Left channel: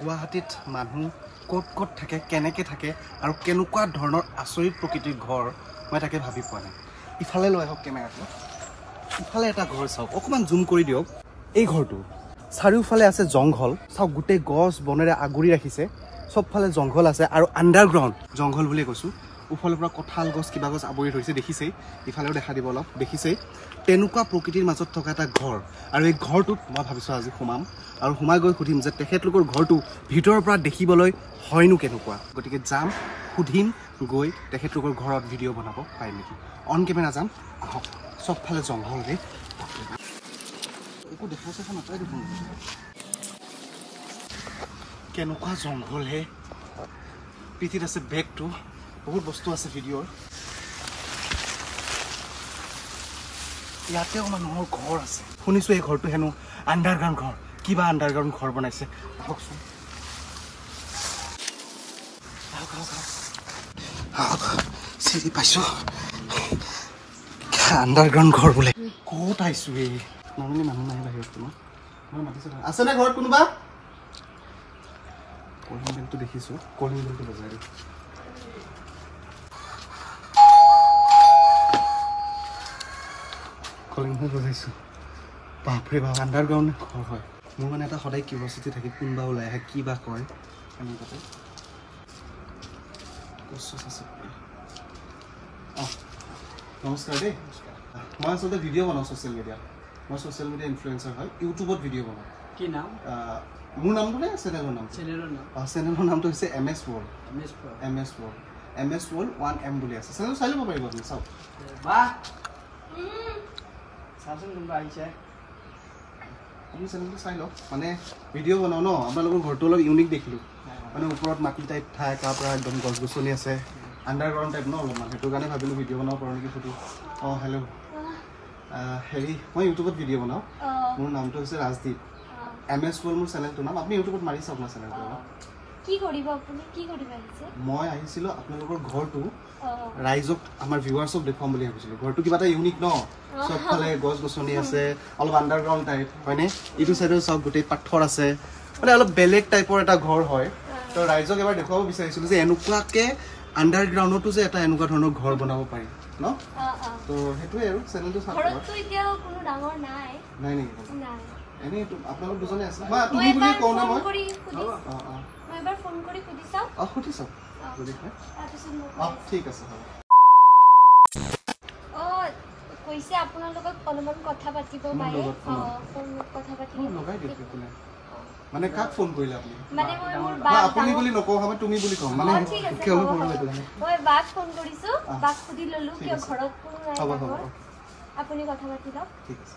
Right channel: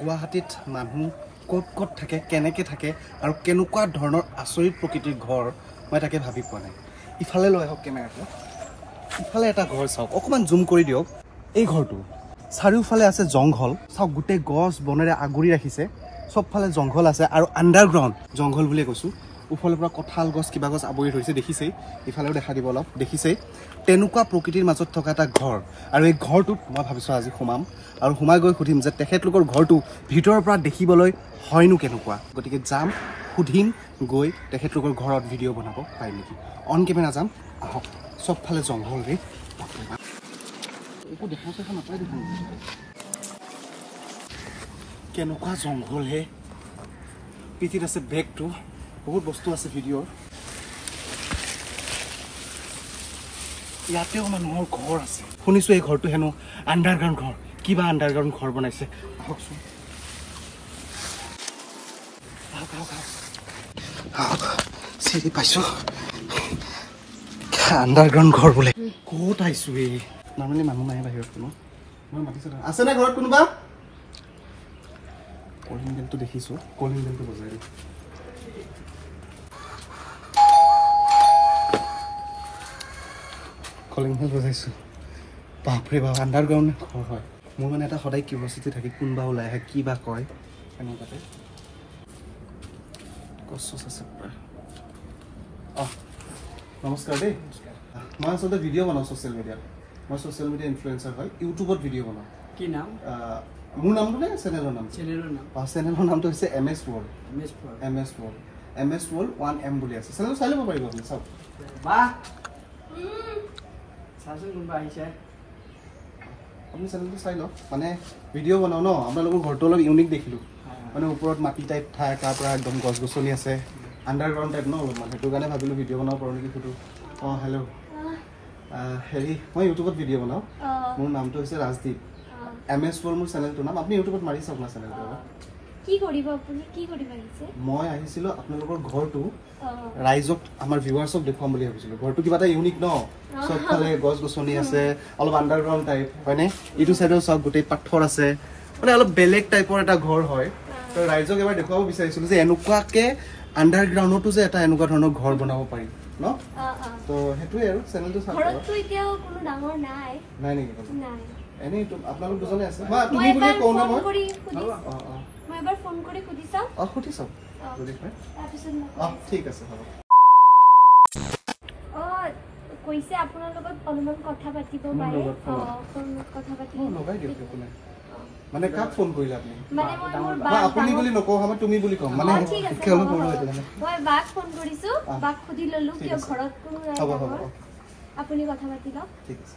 গুৱাহাটীত মানুহ ক'ত ক'ত থাকে কেনেকৈ থাকে আৰু কেনেকুৱা ধৰণৰ আচৰিত প্ৰকৃতিৰ ঘৰ মই তাকে ভাবি পোৱা নাই ইফালে লৈ আহক কেমেৰাটো ইফালে এটা ঘৰ চাওক অকণমান জুম কৰি দিয়ক এই ঘৰটো চাৰিওফালে আছে জংঘল চাওক গোটেই গছ বনেৰে আগুৰি ৰাখিছে সবফালে জংঘল আছে আৰু আণ্ডাৰগ্ৰাউণ্ড জংঘল বুলিয়ে কৈছোঁ উফালৰ পৰা কঁঠাল গছ কিবা গছ আৱৰি ধৰিছে দেখিছেই ইফালেও দেখা দিব অলপ দেখিছেই তেনেকুৱা প্ৰকৃতিৰ মাজত থকা এটা ঘৰ আৰু এই ঘৰটোত মই ভাবিছোঁ আজি সোমাম আৰু সোমাই গৈ সুধিম যে তেখেতলোকৰ ঘৰটো ভিতৰৰ পৰা দেখিবলৈ হয়নো কেনেকুৱা গতিকে যাম সুধিম গৈ তেখেতলোকৰ ঘৰত ভিডিঅ' বনাব পাৰিম নেকি অন কেমেৰা যাম আহক সবফালে জংঘল ৰে একো দেখা চেখা নাপায় দেখোন কেনেকুৱা জংঘল হে পিঠিত আছে বেগটো বহুত বস্তু আছে ভিডিঅ'ৰ ইয়াতেও মানুহৰ ঘৰ আছে শুনিছোঁ এই ঘৰটো হেনো আণ্ডাৰগ্ৰাউণ্ড ঘৰ কিবা আণ্ডাৰগ্ৰাউণ্ড ঘৰ বনাইছে আহকচোন চিৰি পাইছোঁ আণ্ডাৰগ্ৰাউণ্ড ঘৰ বোলে ক'ত আহিছোঁ এই নৰ্মেলি মানুহ নাই বাহিৰত কোনো মই মাতিছোঁ আছেনে ঘৰত কোনোবা কলিং বেলটো দেখিছোঁ কলিং বেলটো বজাই কলিং বেল বজাইছোঁ বাপৰে বাপ আণ্ডাৰগ্ৰাউণ্ড ঘৰ হয় মোৰ মানে এটা সদায় কিউৰিঅচিটি থাকে কোনোবা ওলাই আহে কি বা কয় এনেকুৱাতে গছ আছে অঁ নমস্কাৰ দেই মই আচলতে ভিডিঅ' বনাওঁ ছ'চিয়েল মিডিয়াত মই ছ'চিয়েল মিডিয়া ইনফ্লুৱেঞ্চাৰ হয় ইউটিউবত ভিডিঅ' বনাওঁ কি নাম মোৰ নামটো নে চেনেলৰ নাম চেনেলৰ নামটো হৈছে MS World MS World 1M বুলি আছে চেনেল চাই ল'ব পাৰিব আপুনি চাওক আপুনি চেনেলটো চাই লওক মানে ভিডিঅ' বনাওঁ ন আপোনালোকৰ ঘৰটো অলপ ইউনিক দেখিলোঁ মানে ওপৰত মাটি টাইপ ঠাই তাৰ পৰা একদম গছ গছনি আছে আণ্ডাৰগ্ৰাউণ্ড টাইপ ন অলপমান সেইটো কাৰণে ভাবিলোঁ ভিডিঅ' বনাব পাৰোঁ নেকি সুধোঁ অঁ হেল্ল' হেৰি মই ইউটিউবত ভিডিঅ' বনাওঁ মোৰ নামটো হৈছে ৰাজদীপ MS World মোৰ চেনেলটোৰ নাম আপুনি ইউটিউবত মাৰি চাওক না চেনেলটো কি কৰিব আপুনি কি কৰিব আহিছে মই আহিছিলোঁ আপোনালোকৰ ঘৰটো ৰাইজক আমাৰ ভিউৱাৰ্ছক দেখুৱাম বুলি ভাবিছিলোঁ ঘৰটো কিবা এটা ইউনিক ন চবফালে গছ গছনি আছে অলপ আণ্ডাৰগ্ৰাউণ্ড টাইপ হয়নে এইটো চাইডৰ চাওক গোটেই পাথৰ আছে মানে অলপ বেলেগ টাইপৰ এটা ঘৰ হয় তো ৰাইজক এবাৰ দেখুৱাব বিচাৰিছিলোঁ যে এনেকুৱাকৈ আণ্ডাৰগ্ৰাউণ্ডতো যে এটা এনেকুৱা ধৰণৰ ঘৰ বনাব পাৰি ন তো সেইটোৱে আৰু চেনেলটো চাওক নাই নেকি এনেই আপোনালোক দুজনে আছে মই তুমি বুলি কওঁ না মই এবাৰ ফোন কৰি সুধি চাওক সুধি চাওক যদি হয় ঠিক আছে হ'ব কৈছে আপোনাৰ লগত অলপমান কথা পাতিব পাৰে কথা পাতিব লগাই দিয়ক কোনে মানে কাক ফোন কৰিলে আপুনি মানে মোৰ আপুনি বুলি নকওঁ আমি তুমি বুলি কওঁ মানে কিয় অলপ পঢ়ো এইটো মই বাক ফোন কৰিছোঁ বাক সুধি ললোঁ কিয় ঘৰত কোনো নাই হ'ব হ'ব আপুনি কথা পাতি লওক ঠিক আছে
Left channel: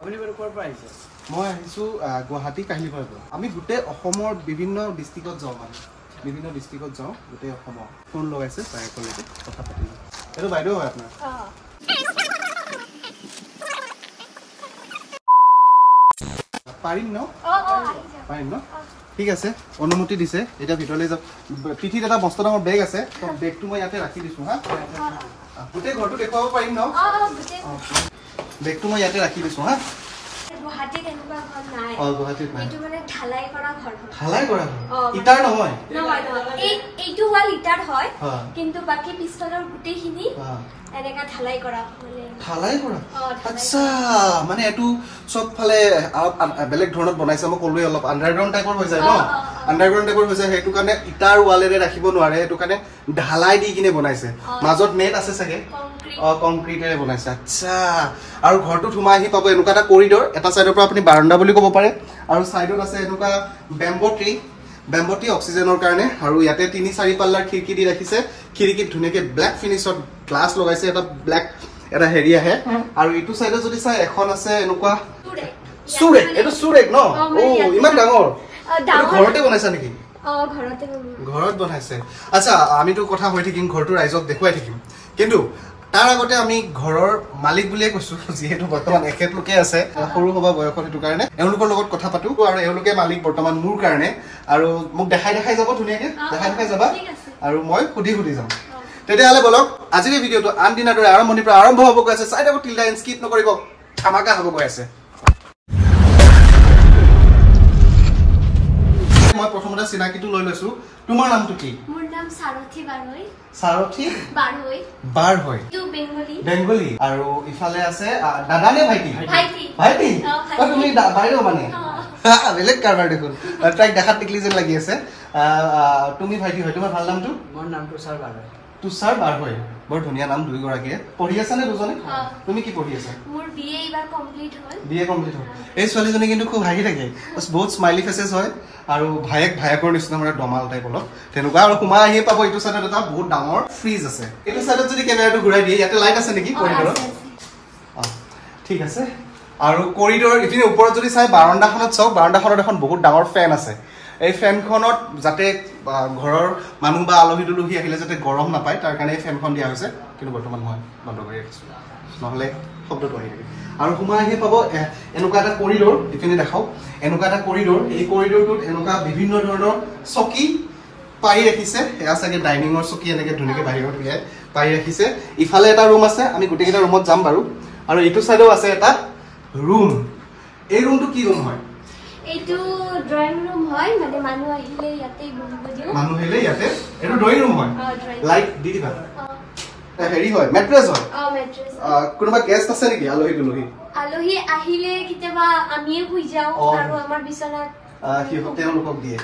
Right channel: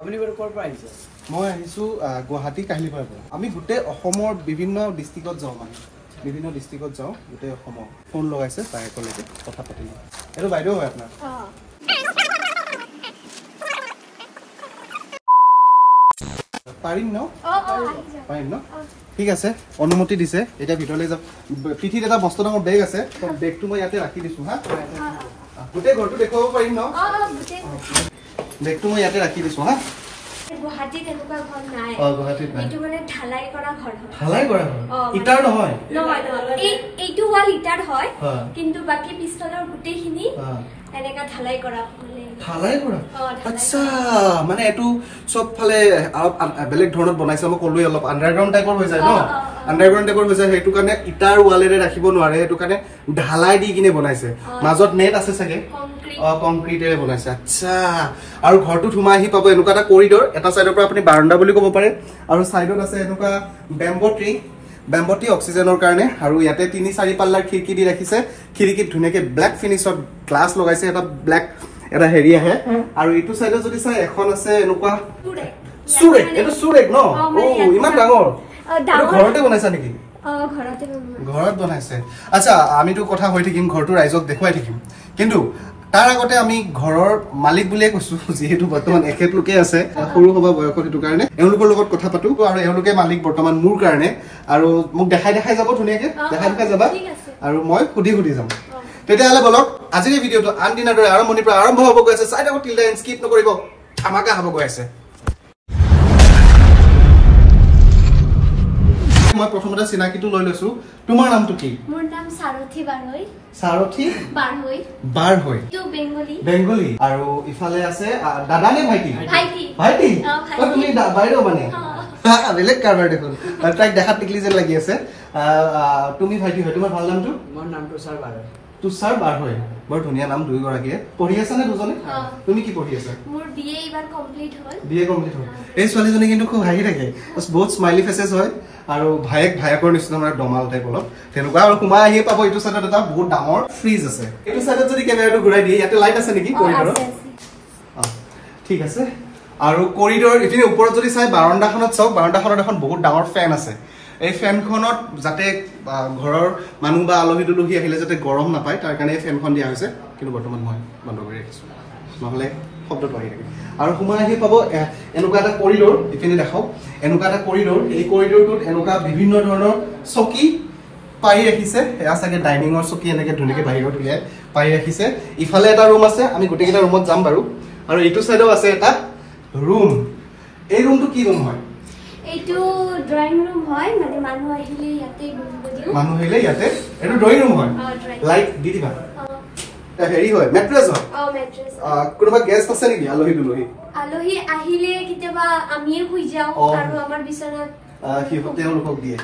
আপুনি ক'ৰ পৰা আহিছে মই আহিছোঁ গুৱাহাটী কাহিলীপাৰাৰ পৰা আমি গোটেই অসমৰ বিভিন্ন ডিষ্ট্ৰিক্টত যাওঁ মানে বিভিন্ন ডিষ্ট্ৰিক্টত যাওঁ গোটেই অসমৰ ফোন লগাইছে তাই একেলগে কথা পাতিলোঁ এইটো বাইদেউ হয় আপোনাৰ পাৰিম ন পাৰিম ন ঠিক আছে অনুমতি দিছে এতিয়া ভিতৰলৈ যাম পিঠিত এটা মস্ত ডাঙৰ বেগ আছে বেগটো মই ইয়াতে ৰাখি দিছোঁ হা গোটেই ঘৰটো দেখুৱাব পাৰিম ন বেগটো মই ইয়াতে ৰাখি দিছোঁ হা গুৱাহাটীত এনেকুৱা ঘৰ নাই গুৱাহাটীত নাই এইটো মানে ঢালাই কৰা ঘৰ হয় ঢালাই কৰা ইটাৰ নহয় এইটো হ'ল ইটাৰ হয় কিন্তু বাকী পিছফালৰ গোটেইখিনি এনেকা ঢালাই কৰা ঢালাই কৰা আচ্ছা মানে এইটো চবফালে বেলেগ ধৰণত বনাইছে মই ক'লোৱে অলপ আণ্ডাৰগ্ৰাউণ্ড টাইপৰ হৈ যায় ন আণ্ডাৰগ্ৰাউণ্ড টাইপৰ হৈ যায় সেইটো কাৰণে ইটাৰ ৱালেৰে ৰাখিব নোৱাৰে সেইটো কাৰণে ঢালাই দি কিনে বনাইছে মাজত নেট আছে চাগে কংক্ৰিটেৰে বনাইছে আচ্ছা আৰু ঘৰটোত সোমাই আহি পাব এনেকুৱা এটা কৰিডৰ এটা চাইডৰ পৰা আপুনি বাৰাণ্ডা বুলি ক'ব পাৰে আৰু চাইডত আছে এনেকুৱা বেম্বো ট্ৰী অক্সিজেনৰ কাৰণে আৰু ইয়াতে 3-4 পাল্লাৰ খিৰিকী দি ৰাখিছে খিৰিকীত ধুনীয়াকৈ ব্লেক ফিনিছত গ্লাছ লগাইছে এটা ব্লেক এটা হেৰি আহে আৰু এইটো চাইডত যদি চাই এখন আছে এনেকুৱা চুৰেক এইটো চুৰেক ন ইমান ডাঙৰ ঘৰতে বনাইছা নেকি ঘৰত বনাইছে আচ্ছা আমিতো কথা হৈ থাকিম ঘৰটো ৰাইজক দেখুৱাই থাকিম কিন্তু তাৰ আগতে আমি ঘৰৰ মালিক বুলিয়ে কৈছোঁ যিহেতু বৰ্তমান এখেতলোকে আছে সৰু সভা বয়সত সেইটো কাৰণে এওঁলোকৰ লগত কথা পাতো আৰু এওঁলোকে মালিক বৰ্তমান মোৰ কাৰণে আৰু মোক দেখাই যাব ধুনীয়াকৈ দেখাই যাবা আৰু মই সুধি যাম তেতিয়াহ'লে বলক আজিৰ ভিডিঅ'টো আন দিনৰ দৰে আৰম্ভণিৰ পৰা আৰম্ভ হ'ব গৈ আছে চাই থাকক টিল দেন স্কিপ নকৰিব ধামাকা হ'ব গৈ আছে মই প্ৰথমতে চিনাকিটো লৈ লৈছো তোমাৰ নামটো কি মোৰ নাম সাৰথী বাৰৈ সাৰথী বাৰৈ বাৰৈ তো বেঙ্গলী আৰু ইফালে আছে দাদা নে ভাইটি ও তুমি বাইদেউ মানে বেলেগ কাৰবাৰ দেখোন তাইক দেখাত টিকলি যেন লাগি আছে তুমি ভাইটি হয় তোমাৰ ভাল নামটো মোৰ নাম তুষাৰ বাৰৈ বৰ ধুনীয়া নাম দুই গৰাকীয়ে পঢ়ি আছে নে দুজনে তুমি কি পঢ়ি আছে মোৰ বিএ এবাৰ কমপ্লিট হ'ল এই ছোৱালীজনী কিন্তু খুব হাঁহি থাকে বহুত স্মাইলি ফেচেছ হয় আৰু ভায়েকৰ নিচিনা মানে ডমাল টাইপ অলপ তেনেকুৱা আৰু সোমাই আহি পাব এইটো চাইডত এটা বহুত ডাঙৰ ফ্ৰিজ আছে এইটো চাইডত যদি কেমেৰাটো ঘূৰাই দিয়ে ইয়াতে লাইট আছে নেকি কৰিডৰত ঠিক আছে আৰু কৰিডৰৰ ইপিনে ওপৰত যদি চাই বাৰান্দাখনত চাওক বাৰান্দাখনত এখন বহুত ডাঙৰ ফেন আছে এই ফেনখনত যাতে ঘৰৰ মানুহ বা আলহী দুলহী আহিলে যাতে গৰম নাপায় তাৰ কাৰণে এই ফেনখন দিয়া হৈছে কিন্তু বৰ্তমান মই বন্ধ কৰি ৰাখিছোঁ নহ'লে শব্দটো আহি থাকে আৰু সোমাই আহি পাব এনেকুৱা এটা কৰিডৰ ইপিনে দেখাওক এনেকুৱা এটা কৰিডৰ এই কৰিডৰটোত এনেকুৱা বিভিন্ন ধৰণৰ চকী পাই ৰাখিছে এয়া চাগে ডাইনিঙৰ চকী এনেকৈ ধুনীয়াকৈ বাহিৰত উলিয়াই পাই ৰাখিছে ইফালে এটা ৰুম আছে আমি গোটেইকেইটা ৰুমত যাম বাৰু আৰু এইটো চাইডেও আছে এটা ৰুম এই ৰুমটো কি ৰুম হয় এইটো ড্ৰয়িং ৰুম হয় মানে মানুহ আহিলে ইয়াতে বহিব দিও মানুহ আহিলে ইয়াতে এইটো ড্ৰয়িং ৰুম হয় লাইট দি দিবা হেৰি হয় মেট্ৰেছ হয় মেট্ৰেছ কোনোবা গেষ্ট আছে নেকি আলহী দুলহী আলহী আহিলে কেতিয়াবা আমিয়ে শুই যাওঁ আৰু আমাৰ বিছনাত তেওঁলোকক দিয়ে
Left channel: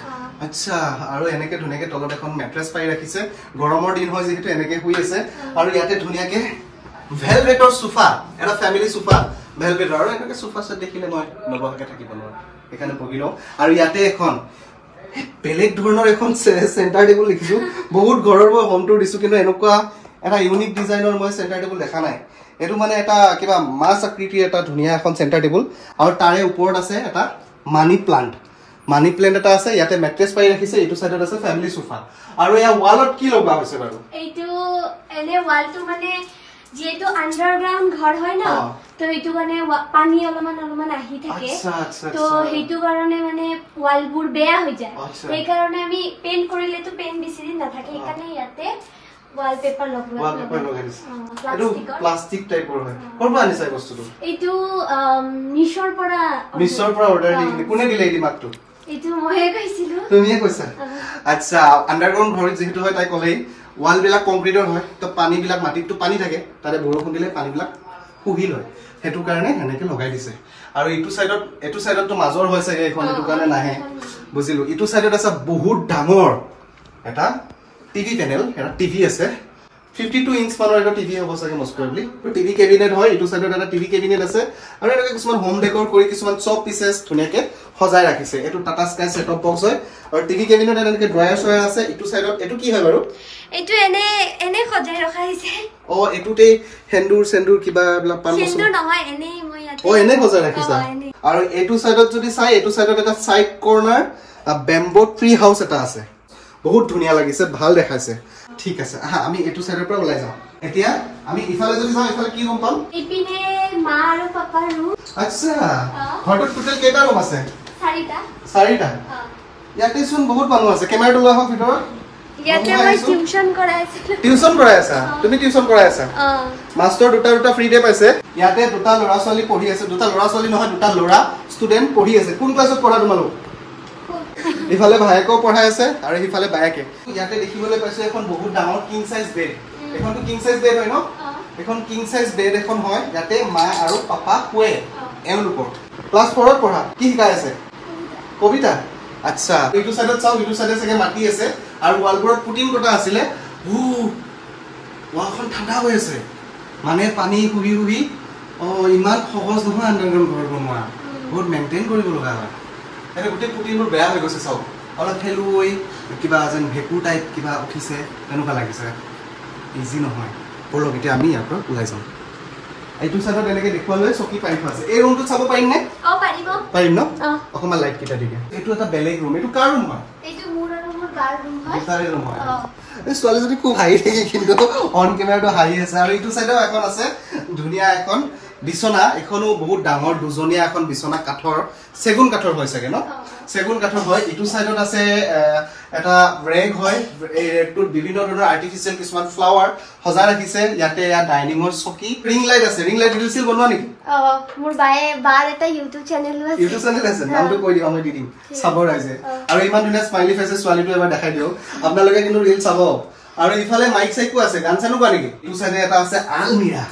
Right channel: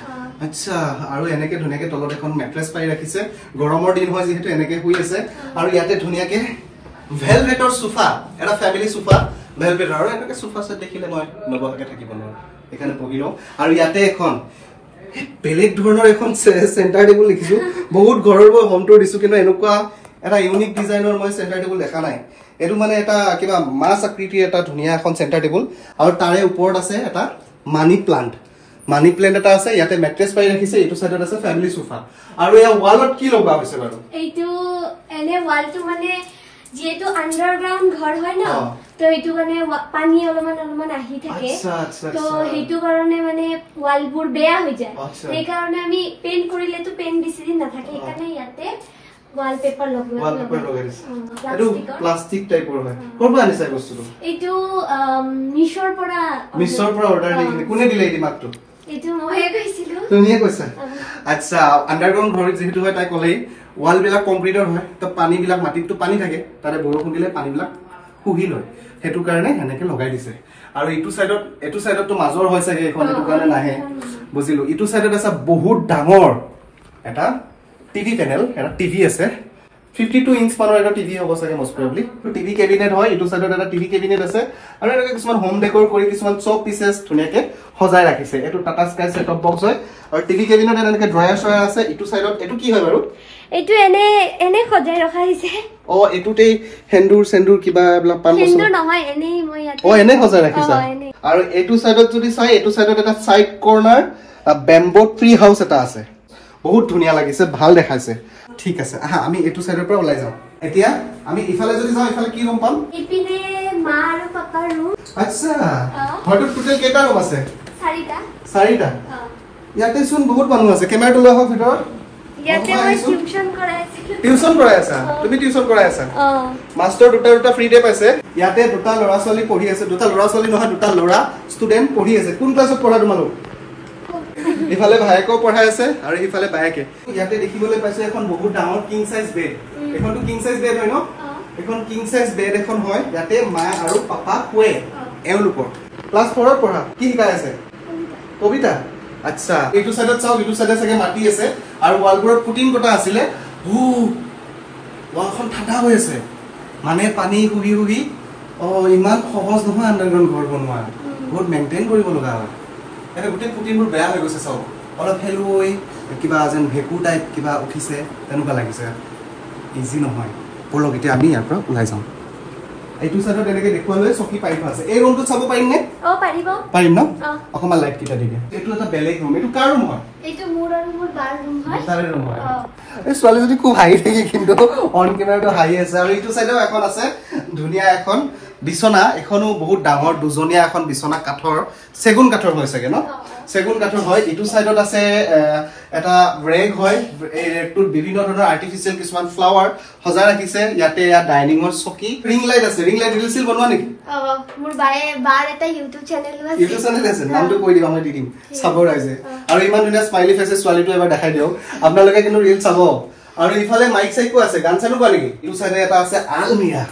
আচ্ছা আৰু এনেকে ধুনীয়াকে তলত এখন মেট্ৰেছ পাই ৰাখিছে গৰমৰ দিন হয় যিহেতু এনেকে শুই আছে আৰু ইয়াতে ধুনীয়াকে ভেলভেটৰ সোফা এটা ফেমিলি সোফা ভেলভেট আৰু এনেকে সোফা সেট দেখিলে মই নবহাকে থাকিব নোৱাৰো এখানে বহি লওঁ আৰু ইয়াতে এখন বেলেগ ধৰণৰ এখন চেণ্টাৰ টেবুল লিখিছো বহুত ঘৰৰ মই হোম টুৰ দিছো কিন্তু এনেকুৱা এটা ইউনিক ডিজাইনৰ মই চেণ্টাৰ টেবুল দেখা নাই এটো মানে এটা কিবা মাছ আকৃতিৰ এটা ধুনীয়া এখন চেণ্টাৰ টেবুল আৰু তাৰে ওপৰত আছে এটা মানি প্লান্ট এটা আছে ইয়াতে মেট্ৰেছ পাই ৰাখিছে এইটো সাইডত আছে ফ্যামিলি সোফা আৰু এই ওয়ালত কি লগা হৈছে বাৰু এইটো এনে ওয়ালটো মানে যেটো আন্ডাৰগ্ৰাউন্ড ঘৰ হয় না তো এইটো মানে পানী অলমান আহি থাকে তো হেতু কাৰণে মানে ওয়ালবোৰ বেয়া হৈ যায় এই কাৰণে আমি পেইন্ট কৰিলে তো পেইন্ট বেছি দিন নাথাকে এই কাৰণে ইয়াতে wallpaper লগাইছে এটো প্লাষ্টিক টাইপৰ হয় কৰবা আনিছে বস্তুটো এইটো নিশৰ পৰা অৰ্ডাৰ দি কোনে দিলে এই মাত্ৰ এইটো ময়ে কৈছিলো তুমিয়ে কৈছা আচ্ছা আন্ডাৰগ্ৰাউন্ড ঘৰ যেহেতু হয় তাই কলেই ওয়াল বিলাক কংক্ৰিটৰ হয় তো পানী বিলাক মাটিটো পানী থাকে তাৰে বৰষুণ দিলে পানী বিলাক শুহি লয় হেতু কাৰণে এনেকে লগাই দিছে আৰু এইটো সাইডত তো মাজৰ হয় চাগে এখন এটো কাৰণে নাহে বুজিলো ইটো সাইডত আছে বহুত ডাঙৰ এটা টিভি প্যানেল এটা টিভি আছে 52 ইঞ্চ মানৰ এটা টিভি হ'ব চাগে মোস্ট প্ৰবলি তো টিভি কেবিনেট হয় ইটো সাইডত এটা টিভি কেবিনেট আছে আৰু এটা কিছুমান হোম ডেকোৰ কৰি কিছুমান চপ পিসেস ধুনীয়াকে সজাই ৰাখিছে এটো টাটা স্কাই সেটঅপ বক্স হয় আৰু টিভি কেবিনেট এনেকে ড্ৰয়াৰ চয়া আছে ইটো সাইডত এটো কি হয় বাৰু এইটো এনে সজাই ৰখা হৈছে এটোতে সেন্দুৰ কিবা পান বস্তু সেন্দুৰ নহয় এনে মই ইয়াতে এনে সজাই ৰাখিছা আৰু এটো সাইডত যদি চাই এটো সাইডত এটা সাইড কৰ্নাৰ বেম্বো ট্ৰি হাউস এটা আছে বহুত ধুনীয়া লাগিছে ভাল দেখাইছে ঠিক আছে আমি এটো সাইডৰ পৰা ওলাই যাম এতিয়া আমি ইফালে যদি যাওঁ ইফালে কি ৰুম পাম ইপিনে মা আৰু পাপাৰ ৰুম আচ্ছা ঘৰটোত টোটেল কেইটা ৰুম আছে চাৰিটা ইয়াতে চোন বহুত মানুহ আছে কেমেৰাটো লৈ আহক ভিতৰত ইয়াতে মই টিউচন কৰাই আছা তুমি টিউচন কৰাই আছা মাস্টাৰ দুটা ফ্ৰী ডে পাইছে ইয়াতে দুটা ল'ৰা ছোৱালী পঢ়ি আছে দুটা ল'ৰা ছোৱালী নহয় দুটা ল'ৰা ষ্টুডেন্ট পঢ়ি আছে কোন ক্লাছত পঢ়া তোমালোক ইফালে ভাইকো পঢ়াই আছে আৰু ইফালে বায়েকে ইয়াতে দেখিবলৈ পাইছো এখন বহুত ডাঙৰ কিং সাইজ বেড এখনটো কিং সাইজ বেড হয় ন এখন কিং সাইজ বেড এখন হয় ইয়াতে মা আৰু পাপা শুৱে এওঁলোকৰ ক্লাছ 4 ত পঢ়া কি শিকাই আছে কবিতা আচ্ছা এইটো সাইডত চাও ইটো সাইডে চাগে মাটি আছে আৰু ওয়ালবোৰত পুটিন কটা আছিল ওয়ালখন ঠাণ্ডা হৈ আছে মানে পানী হুহি ইমান সহজ নহয় আন্ডাৰগ্ৰাউন্ড ঘৰ বনোৱা বহুত মেইনটেইন কৰিব লগা হয় এটা গোটেই পুটিনবোৰ বেয়া হৈ গৈছে চাওক অলপ হেলুই কিবা যেন ভেকু টাইপ কিবা উঠিছে তেনেকুৱা লাগিছে ইজি নহয় পলক এতিয়া আমি ইয়াৰ পৰা ওলাই যাওঁ এইটো সাইডত এনেকে দেখুৱালৈ চকী পাই থোৱা আছে এই ৰুমটো চাব পাৰিম নে পাৰিম ন অকমান লাইট কিটা দিকে এইটো এটা বেলেগ ৰুম এইটো কাৰ ৰুম হয় এইটো মোৰ আৰু মোৰ বাৰ ৰুম হয় তাৰে ৰুম হয় এই ছোৱালী যদি খুব হাঁহি থাকে কিন্তু অন কেমেৰাটো হাঁহি আছে আৰু এইটো সাইডেও এখন আছে ধুনীয়া এখন বিছনা এখনো বহুত ডাঙৰ দুজনীয়া এখন বিছনা কাঠৰ সেগুন কাঠৰ হয় চাগে ন সেগুন কাঠৰ হয় ইটো সাইডত আছে এটা ৰেগ হয় এই ৰেগটোৰ বিভিন্ন ধৰণৰ আৰ্টিফিচিয়েল কিছুমান ফ্লাৱাৰ সজাই ৰাখিছে ইয়াতে ডাইনিঙৰ চকী ৰিং লাইট আছে ৰিং লাইট দিছিল বনোৱা নেকি মোৰ বাৰ এটা ইউটিউব চেনেল আছে নামটো কৈ দিবা মই দি দিম চাব ৰাইজে আৰু ইমান ধুনীয়া স্মাইলি ফেছে ছোৱালীটো এবাৰ দেখাই দিও আপোনালোকে কিন্তু ৰিল চাব আৰু ইফালে মাইক চাইকো আছে গান চানো কোৱা নেকি ইটো চাইডে এটা আছে আলমিৰা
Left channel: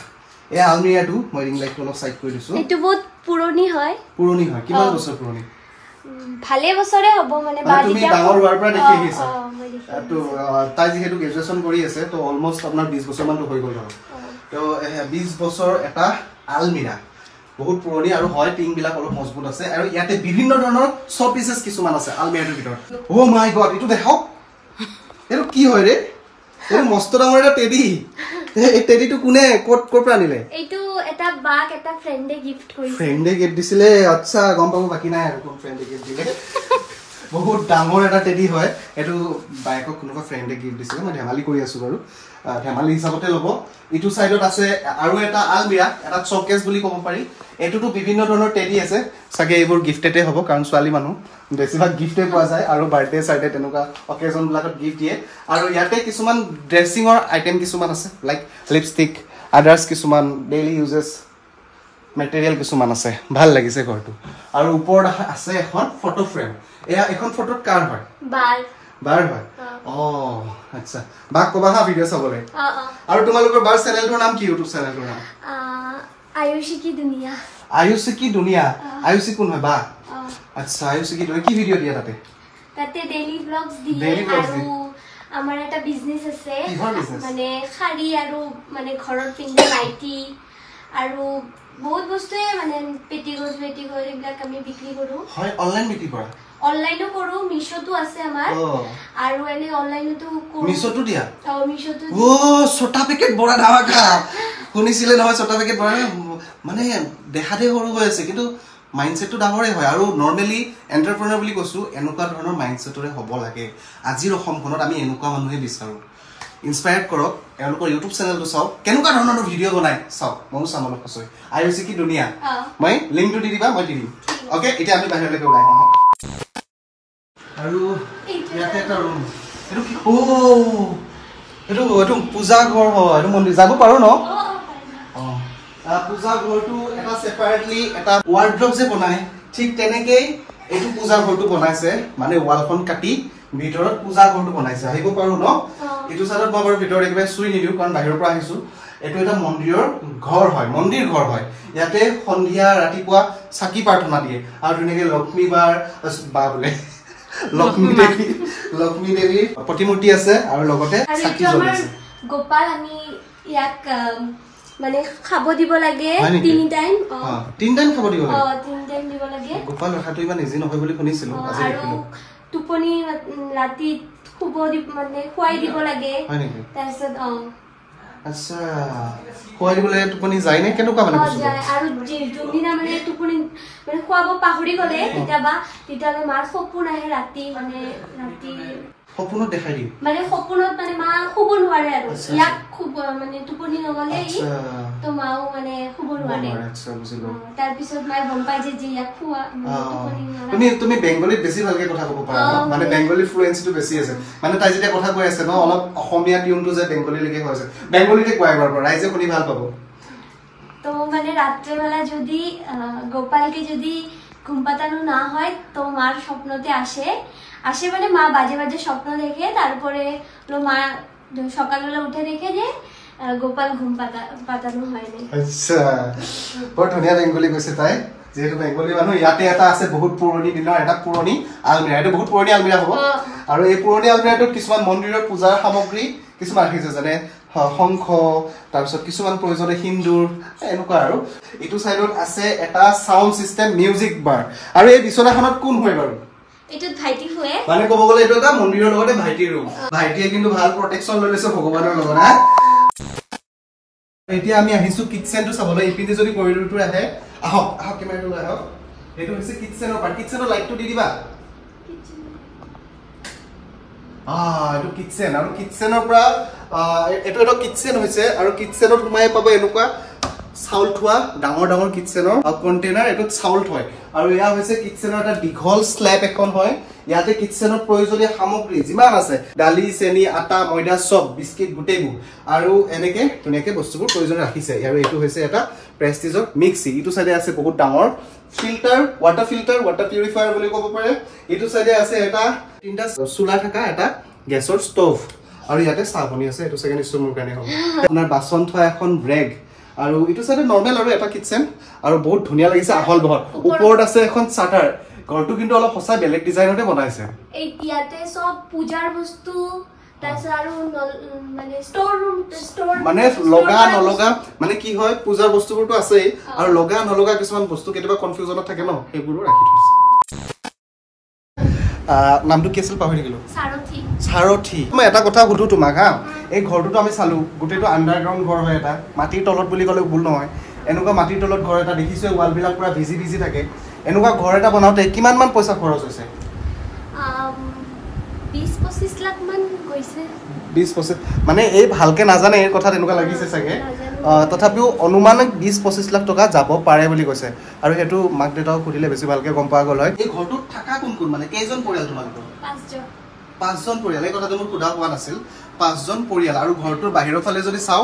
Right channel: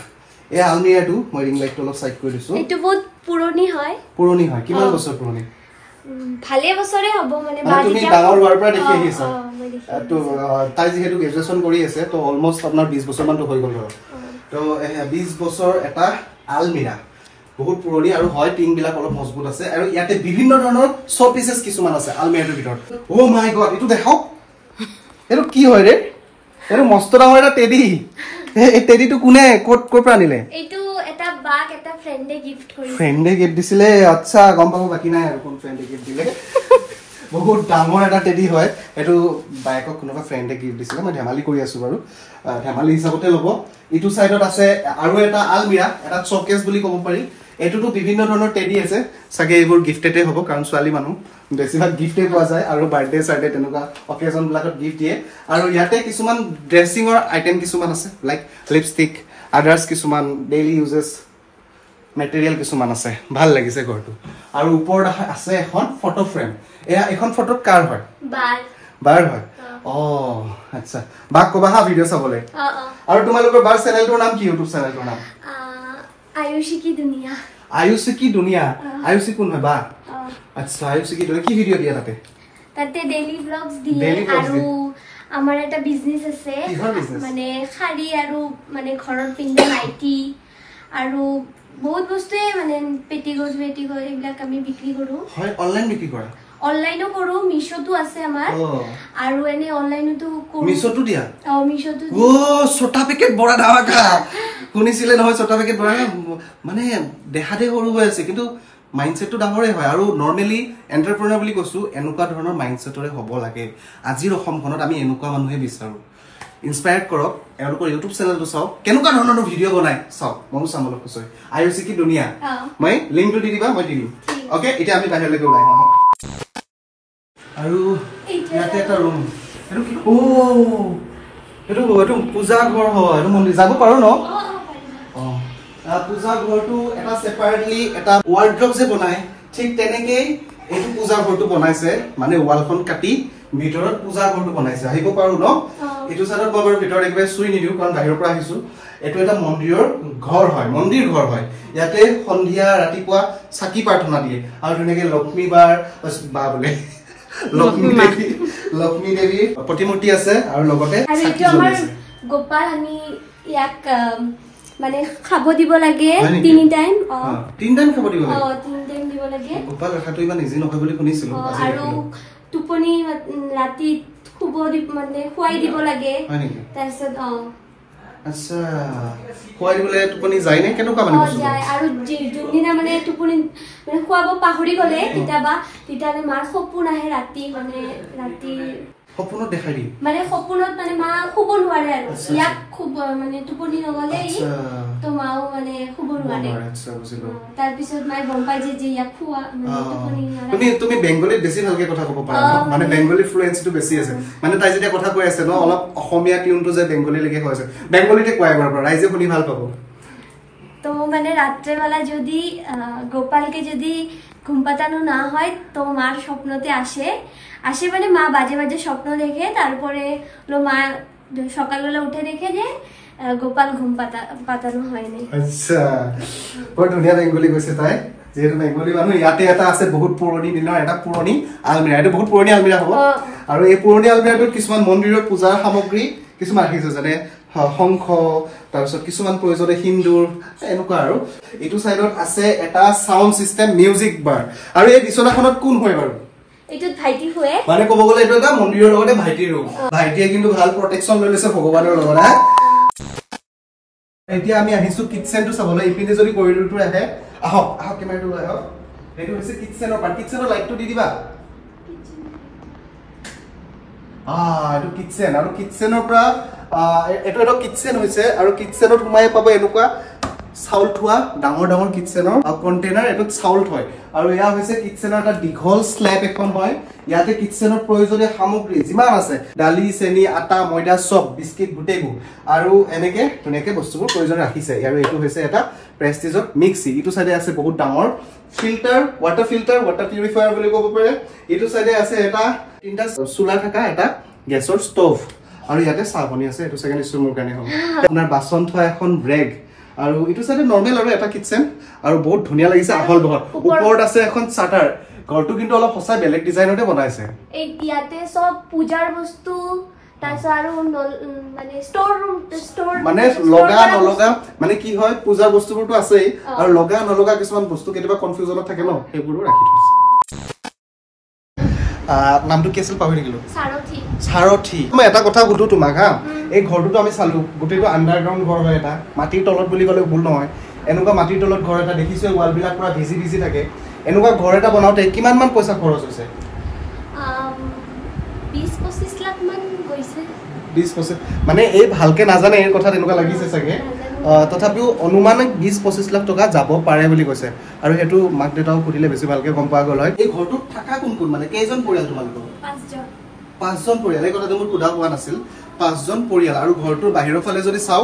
এই আলমিৰাটো মই ৰিং লাইটটো অলপ সাইড কৰি দিছো এটো বহুত পুৰণি হয় কিমান বছৰ পুৰণি ভালে বছৰে হ'ব মানে তুমি ডাঙৰ হোৱাৰ পৰা দেখি আহিছা তো তাই যেহেতু গ্ৰেজুৱেচন কৰি আছে তো অলমোস্ট আপোনাৰ 20 বছৰ মানটো হৈ গ'ল ধৰক তো 20 বছৰ এটা আলমিৰা বহুত পুৰণি আৰু হয় টিং বিলাক অলপ মজবুত আছে আৰু ইয়াতে বিভিন্ন ধৰণৰ শ পিসেস কিছুমান আছে আলমিৰাটোৰ ভিতৰত ও মাই গড ইটো দেখাও এটো কি হয় ৰে এটো মস্ত ডাঙৰ এটা টেডি এই টেডিটো কোনে কোট পৰা আনিলে এইটো এটা বাক এটা ফ্ৰেণ্ডে গিফট দিছিলে আচ্ছা গম পাব বাকি নাই আৰু কোন ফ্ৰেণ্ডে গিফট দিলে বহুত ডাঙৰ এটা টেডি হয় এটো বাইকক কোনোবা ফ্ৰেণ্ডে গিফট দিছিলে মই ধেমালি কৰি আছো বাৰু ধেমালি হিচাপতে ল'ব ইটো সাইডত আছে আৰু এটা আলমিৰা এটা শোকেস বুলি ক'ব পাৰি এটোটো বিভিন্ন ধৰণৰ টেডি আছে সাগে এইবোৰ গিফটেডে হ'ব কাৰণ ছোৱালী মানুহ বেছিভাগ গিফটে পোৱা যায় আৰু বাৰ্থডে সাইডে তেনেকুৱা অকেজন বিলাকত গিফট দিয়ে আৰু ইয়াতে কিছুমান ড্ৰেছিঙৰ আইটেম কিছুমান আছে লাইক লিপষ্টিক আদাৰ্স কিছুমান ডেইলি ইউজেস মেটেৰিয়েল কিছুমান আছে ভাল লাগিছে ঘৰটো আৰু ওপৰত আছে এখন ফটো ফ্ৰেম এয়া এখন ফটোত কাৰ হয় বাৰ হয় আচ্ছা বাক কবা হা ভিডিও চাবলৈ আৰু তোমালোকৰ বাৰ চেনেলটোৰ নাম কি ইউটিউব চেনেলটোৰ নাম আয়ুষী কি দুনিয়া আয়ুষী কোন হয় বা আচ্ছা আয়ুষী কি দুনিয়া কি ভিডিও দিয়া তাতে ডেইলি ব্লগস দিয়ে আৰু আমাৰ এটা বিজনেস আছে মানে শাড়ী আৰু মানে ঘৰৰ পিন্ধা নাইটি আৰু বহুত বস্তুৱে মানে পেটিকোট এইবিলাক আমি বিক্ৰী কৰো হয় অনলাইন বিক্ৰী কৰা অনলাইনো কৰো মিশোটো আছে আমাৰ আৰু এনে অনলাইনতো কৰো মিশোটো দিয়া মিশোটো ছোটা পেকেট বড়া ধামাকা শুনিছিলে নহয় ছোটা পেকেট বড়া মানে দেখাতে সৰু হৈ আছে কিন্তু মাইন্ডসেটটো ডাঙৰে হয় আৰু নৰমালি এন্টাৰপ্ৰেনাৰ বুলি কৈছো এনেকুৱা ধৰণৰ মাইন্ডসেটৰে হ'ব লাগে আজিৰ অসমখনত আমি এনেকুৱা মানুহে বিচাৰো ইনস্পায়াৰ্ড কৰক এওঁলোকৰ ইউটিউব চেনেলটো চাওক কেনেকুৱা ধৰণৰ ভিডিও বনাই চাওক ময়ো চাম অলপ কৈছো আয়ুষী কি দুনিয়া মই লিংকটো দি দিবা মই দি দিম ওকে এতিয়া আমি বাহিৰলৈকে ওলাই আহোঁ আৰু ইয়াতে এটা ৰুম এইটো পূজা ঘৰ হ'ব এইটো মন্দিৰ যাব পাৰো ন পূজা ঘৰটো এটা সেপাৰেটলি এটা ওয়াৰ্ড্ৰপ যে বনায় ঠিক তেনেকেই এইটো পূজা ঘৰটো বনাইছে মানে ওয়ালখন কাটি ভিতৰত পূজা ঘৰটো বনাইছে আহিব পাৰো ন এইটো সাইডত মই বাৰু ভিতৰত একবে সুই নিদিও কাৰণ বাহিৰৰ পৰা আহিছো এটো এটা মন্দিৰৰ ঘৰ হয় মন্দিৰ ঘৰ হয় ইয়াতে সন্ধিয়া ৰাতিপুৱা চাকি প্ৰাৰ্থনা দিয়ে আৰু ধুনীয়াকে লক্ষ্মী বাৰ বা বলে লক্ষ্মী দেৱী প্ৰতিমূৰ্তি আছে আৰু লগতে চাকি জ্বলাইছে গোপাল আমি ইয়াক মানে খাব দিব লাগে 3 টাইম 3 টাইম খাব দিব লাগে 3 টাইম দিব লাগে গোপাল ৰাখাটো ইমান ইজি নহয় বুলি শুনিছিলো আৰু টোপনি ৰাতি খুব মানে খুৱাই দিব লাগে তাৰপিছত আচ্ছা খুৱাই দিবলে টোপনি যায় নে কেনেকুৱা মানে যায় আৰু যোনদিনা মানে টোপনি মানে খুৱাব পাহৰি গলে তেতিয়ালে মাৰ সপোন আহে ৰাতি মানে ৰাতি সপোনত দেখাই দি মানে সপোনত মানে মা খুব নোৱাৰে আৰু ইয়াক খুব মানে টোপনি নগলে তো মাও মানে খুব নোৱাৰে আচ্ছা বুজিলো তাৰ পিছত মাই গম পাই যে ইয়াক খুৱা মানে টোপনি নোৱাৰে তুমি বেংগলীত বেছি ভালকে কথা ক'ব পাৰা মানে বেংগলী ফ্লুয়েন্সিটো বেছি আছে মানে তাই যেতিয়া কথা কৈ আছে ন অলপ অসমীয়া টিউনটো যে বেংগলী লেকে হৈছে বেংগলীতে কোৱাই বাৰ ৰাইজে শুনি ভাল পাব তো মানে ৰাত্ৰিবেলা যদি গোপালকে যদি ঘুম পাতানো না হয় তো মার স্বপ্নতে আসে মানে মা বাজে বাজে স্বপ্ন দেখে তারপরে মা সকালবেলা উঠে দেখে যে গোপাল ঘুম পাতানো হয়নি আচ্ছা বহুত ধুনীয়া বেংগলী কৈছে তাই যেহেতু বেংগলী মানুহ ইয়াতে এটা আছে বহুত পুৰণি দিনৰ এটা পুৰণি আলমিৰা এটা বহুত পুৰণি আলমিৰা হ'ব আৰু এই পুৰণি আলমিৰাটোত কিছুমান মন্দিৰৰ পূজাৰ সামগ্ৰী কিছুমান ৰাখিছে যেনে শংখ তাৰপিছত কিছুমান প্ৰয়োজনীয় সিন্দুৰ এনেকুৱা আৰু এইটো সাইডত আছে এটা সাউন্ড সিস্টেম মিউজিক বাৰ আৰু এই বিছনাখনত কোন হয় বাৰু এইটো ভাইটি হয় মানে ক'ব গ'লে এইটো এটা মন্দিৰৰ লগতে ভাইটিৰ ৰুম ভাইটিয়ে কিন্তু ভাল প্ৰটেকচন লৈ লৈছে ভগৱানৰ লগত এতিয়া আমি আহিছো কিচেনটো চাবলৈ ইপিনে যদি কৰিডৰটো আহে আহক কেমেৰাটো লৈ আহক এইটো হৈছে কিচেনৰ পাৰ্ট কিচেনৰ লাইটটো দি দিবা এইটো কিচেন আৰু কিচেনৰ পৰা এইটো এটা কিচেন হৈছে আৰু কিচেনত সোমাই পাব এনেকুৱা চাউল থোৱা ডাঙৰ ডাঙৰ কিটচেনৰ কণ্টেইনাৰ এটো চাউল থয় আৰু ইয়া হৈছে কিটচেনৰ এটা দীঘল স্ল্যাব এখন হয় ইয়াতে কিটচেনৰ প্ৰয়োজনীয় সামগ্ৰী যিমান আছে দালি চেনি আটা ময়দা সব বিস্কিট গুটেগু আৰু এনেকে ধুনিয়াকে বস্তুবোৰ প্ৰয়োজন ৰাখিছে আৰু এটো হৈছে এটা প্ৰেষ্টিজৰ মিক্সি ইটো সাইডে আছে বহুত ডাঙৰ ফিল্টাৰ ওয়াটাৰ পিউৰিফায়াৰ বুলি ক'ব পাৰে ইটো সাইডে আছে এটা তিনটা চুলা থকা এটা গেছৰ ষ্টভ আৰু ইয়াতে চাহপনি আছে এটো সেকেন্ড ষ্টমৰ কাৰণে হ'ল আপোনাৰ বাচন থোৱা এখন ৰেগ আৰু ইটো সাইডে নৰমাল আৰু এটা কিটচেন আৰু বহুত ধুনিয়া লাগিছে আহল বহল ওপৰত আছে এখন শাটাৰ ঘৰটো কিন্তু অলপ সঁচা বেলেগ ডিজাইনতে বনাইছে এই ইয়াতে সব পূজাৰ বস্তু তাইছা আৰু মানে ষ্টৰ মানে লগা নলগা মানে কি হয় পূজাৰ বস্তুবোৰটো আছে আৰু লগা নলগা কিছুমান বস্তু কেতিয়াবা কনফিউজনত থাকে ন সেইবোৰো ৰাখি থৈছে নামটো কি আছিল পাহৰি গলো সাৰথি মই এটা কথা সুধো তোমাক হা এই ঘৰটো আমি চালু গুটেটো আন্ডাৰগ্ৰাউন্ড ঘৰ হয় এটা মাটিৰ তলত বুলি ক'লে ভুল নহয় এনেকুৱা মাটিৰ তলত ঘৰ এটা দেখিছো ওয়াল বিলাক পুৰা ভিজি থাকে এনেকুৱা ঘৰ এটা বনাওতে কিমান মান পইচা খৰচ হৈছে 20-25 লাখ মান গৈছে 20-25 মানে এই ভালকে নাজানে এই কথা তেনেকুৱা লাগিছে চাগে তথাপিও অনুমানে 20-25 লাখ টকা যাব পাৰে বুলি কৈছে আৰু হেতু মাক দেউতাও খুদিলে বেছি ভালকে গম পোৱা গল হয় এই ঘৰটো থাকা কোন মানে কেইজন পৰিয়াল তোমালোকৰ 5জন পৰিয়াল এই কথাটো মোৰ খুদা হোৱা নাছিল 5জন পৰিয়াল আৰু ঘৰটোৰ বাহিৰৰ ফালে যদি চাও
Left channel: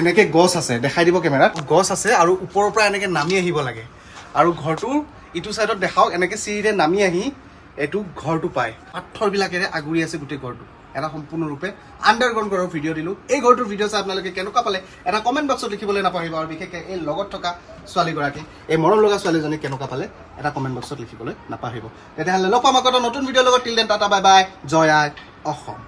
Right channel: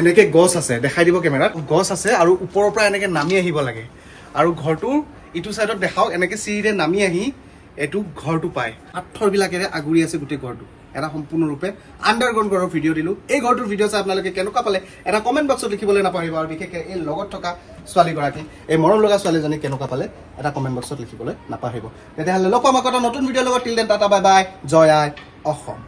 এনেকে গছ আছে দেখাই দিব কেমেৰা গছ আছে আৰু ওপৰৰ পৰা এনেকে নামি আহিব লাগে আৰু ঘৰটো ইটো সাইডত দেখাও এনেকে সিৰিৰে নামি আহি এটু ঘৰটো পায় পাথৰ বিলাকেৰে আগুৰি আছে গুটি ঘৰটো এটা সম্পূৰ্ণ ৰূপে আন্ডাৰগ্ৰাউন্ড ঘৰৰ ভিডিও দিলো এই ঘৰটোৰ ভিডিও চাই আপোনালোকে কেনেকুৱা পালে এটা কমেন্ট বক্সত লিখিবলৈ নাপাহৰিব আৰু বিশেষকৈ এই লগত থকা ছোৱালী গৰাকী এই মৰম লগা ছোৱালীজনী কেনেকুৱা পালে এটা কমেন্ট বক্সত লিখিবলৈ নাপাহৰিব তেতিয়াহ'লে লগ পাম আকৌ নতুন ভিডিওৰ লগত till then tata bye bye জয় আই অসম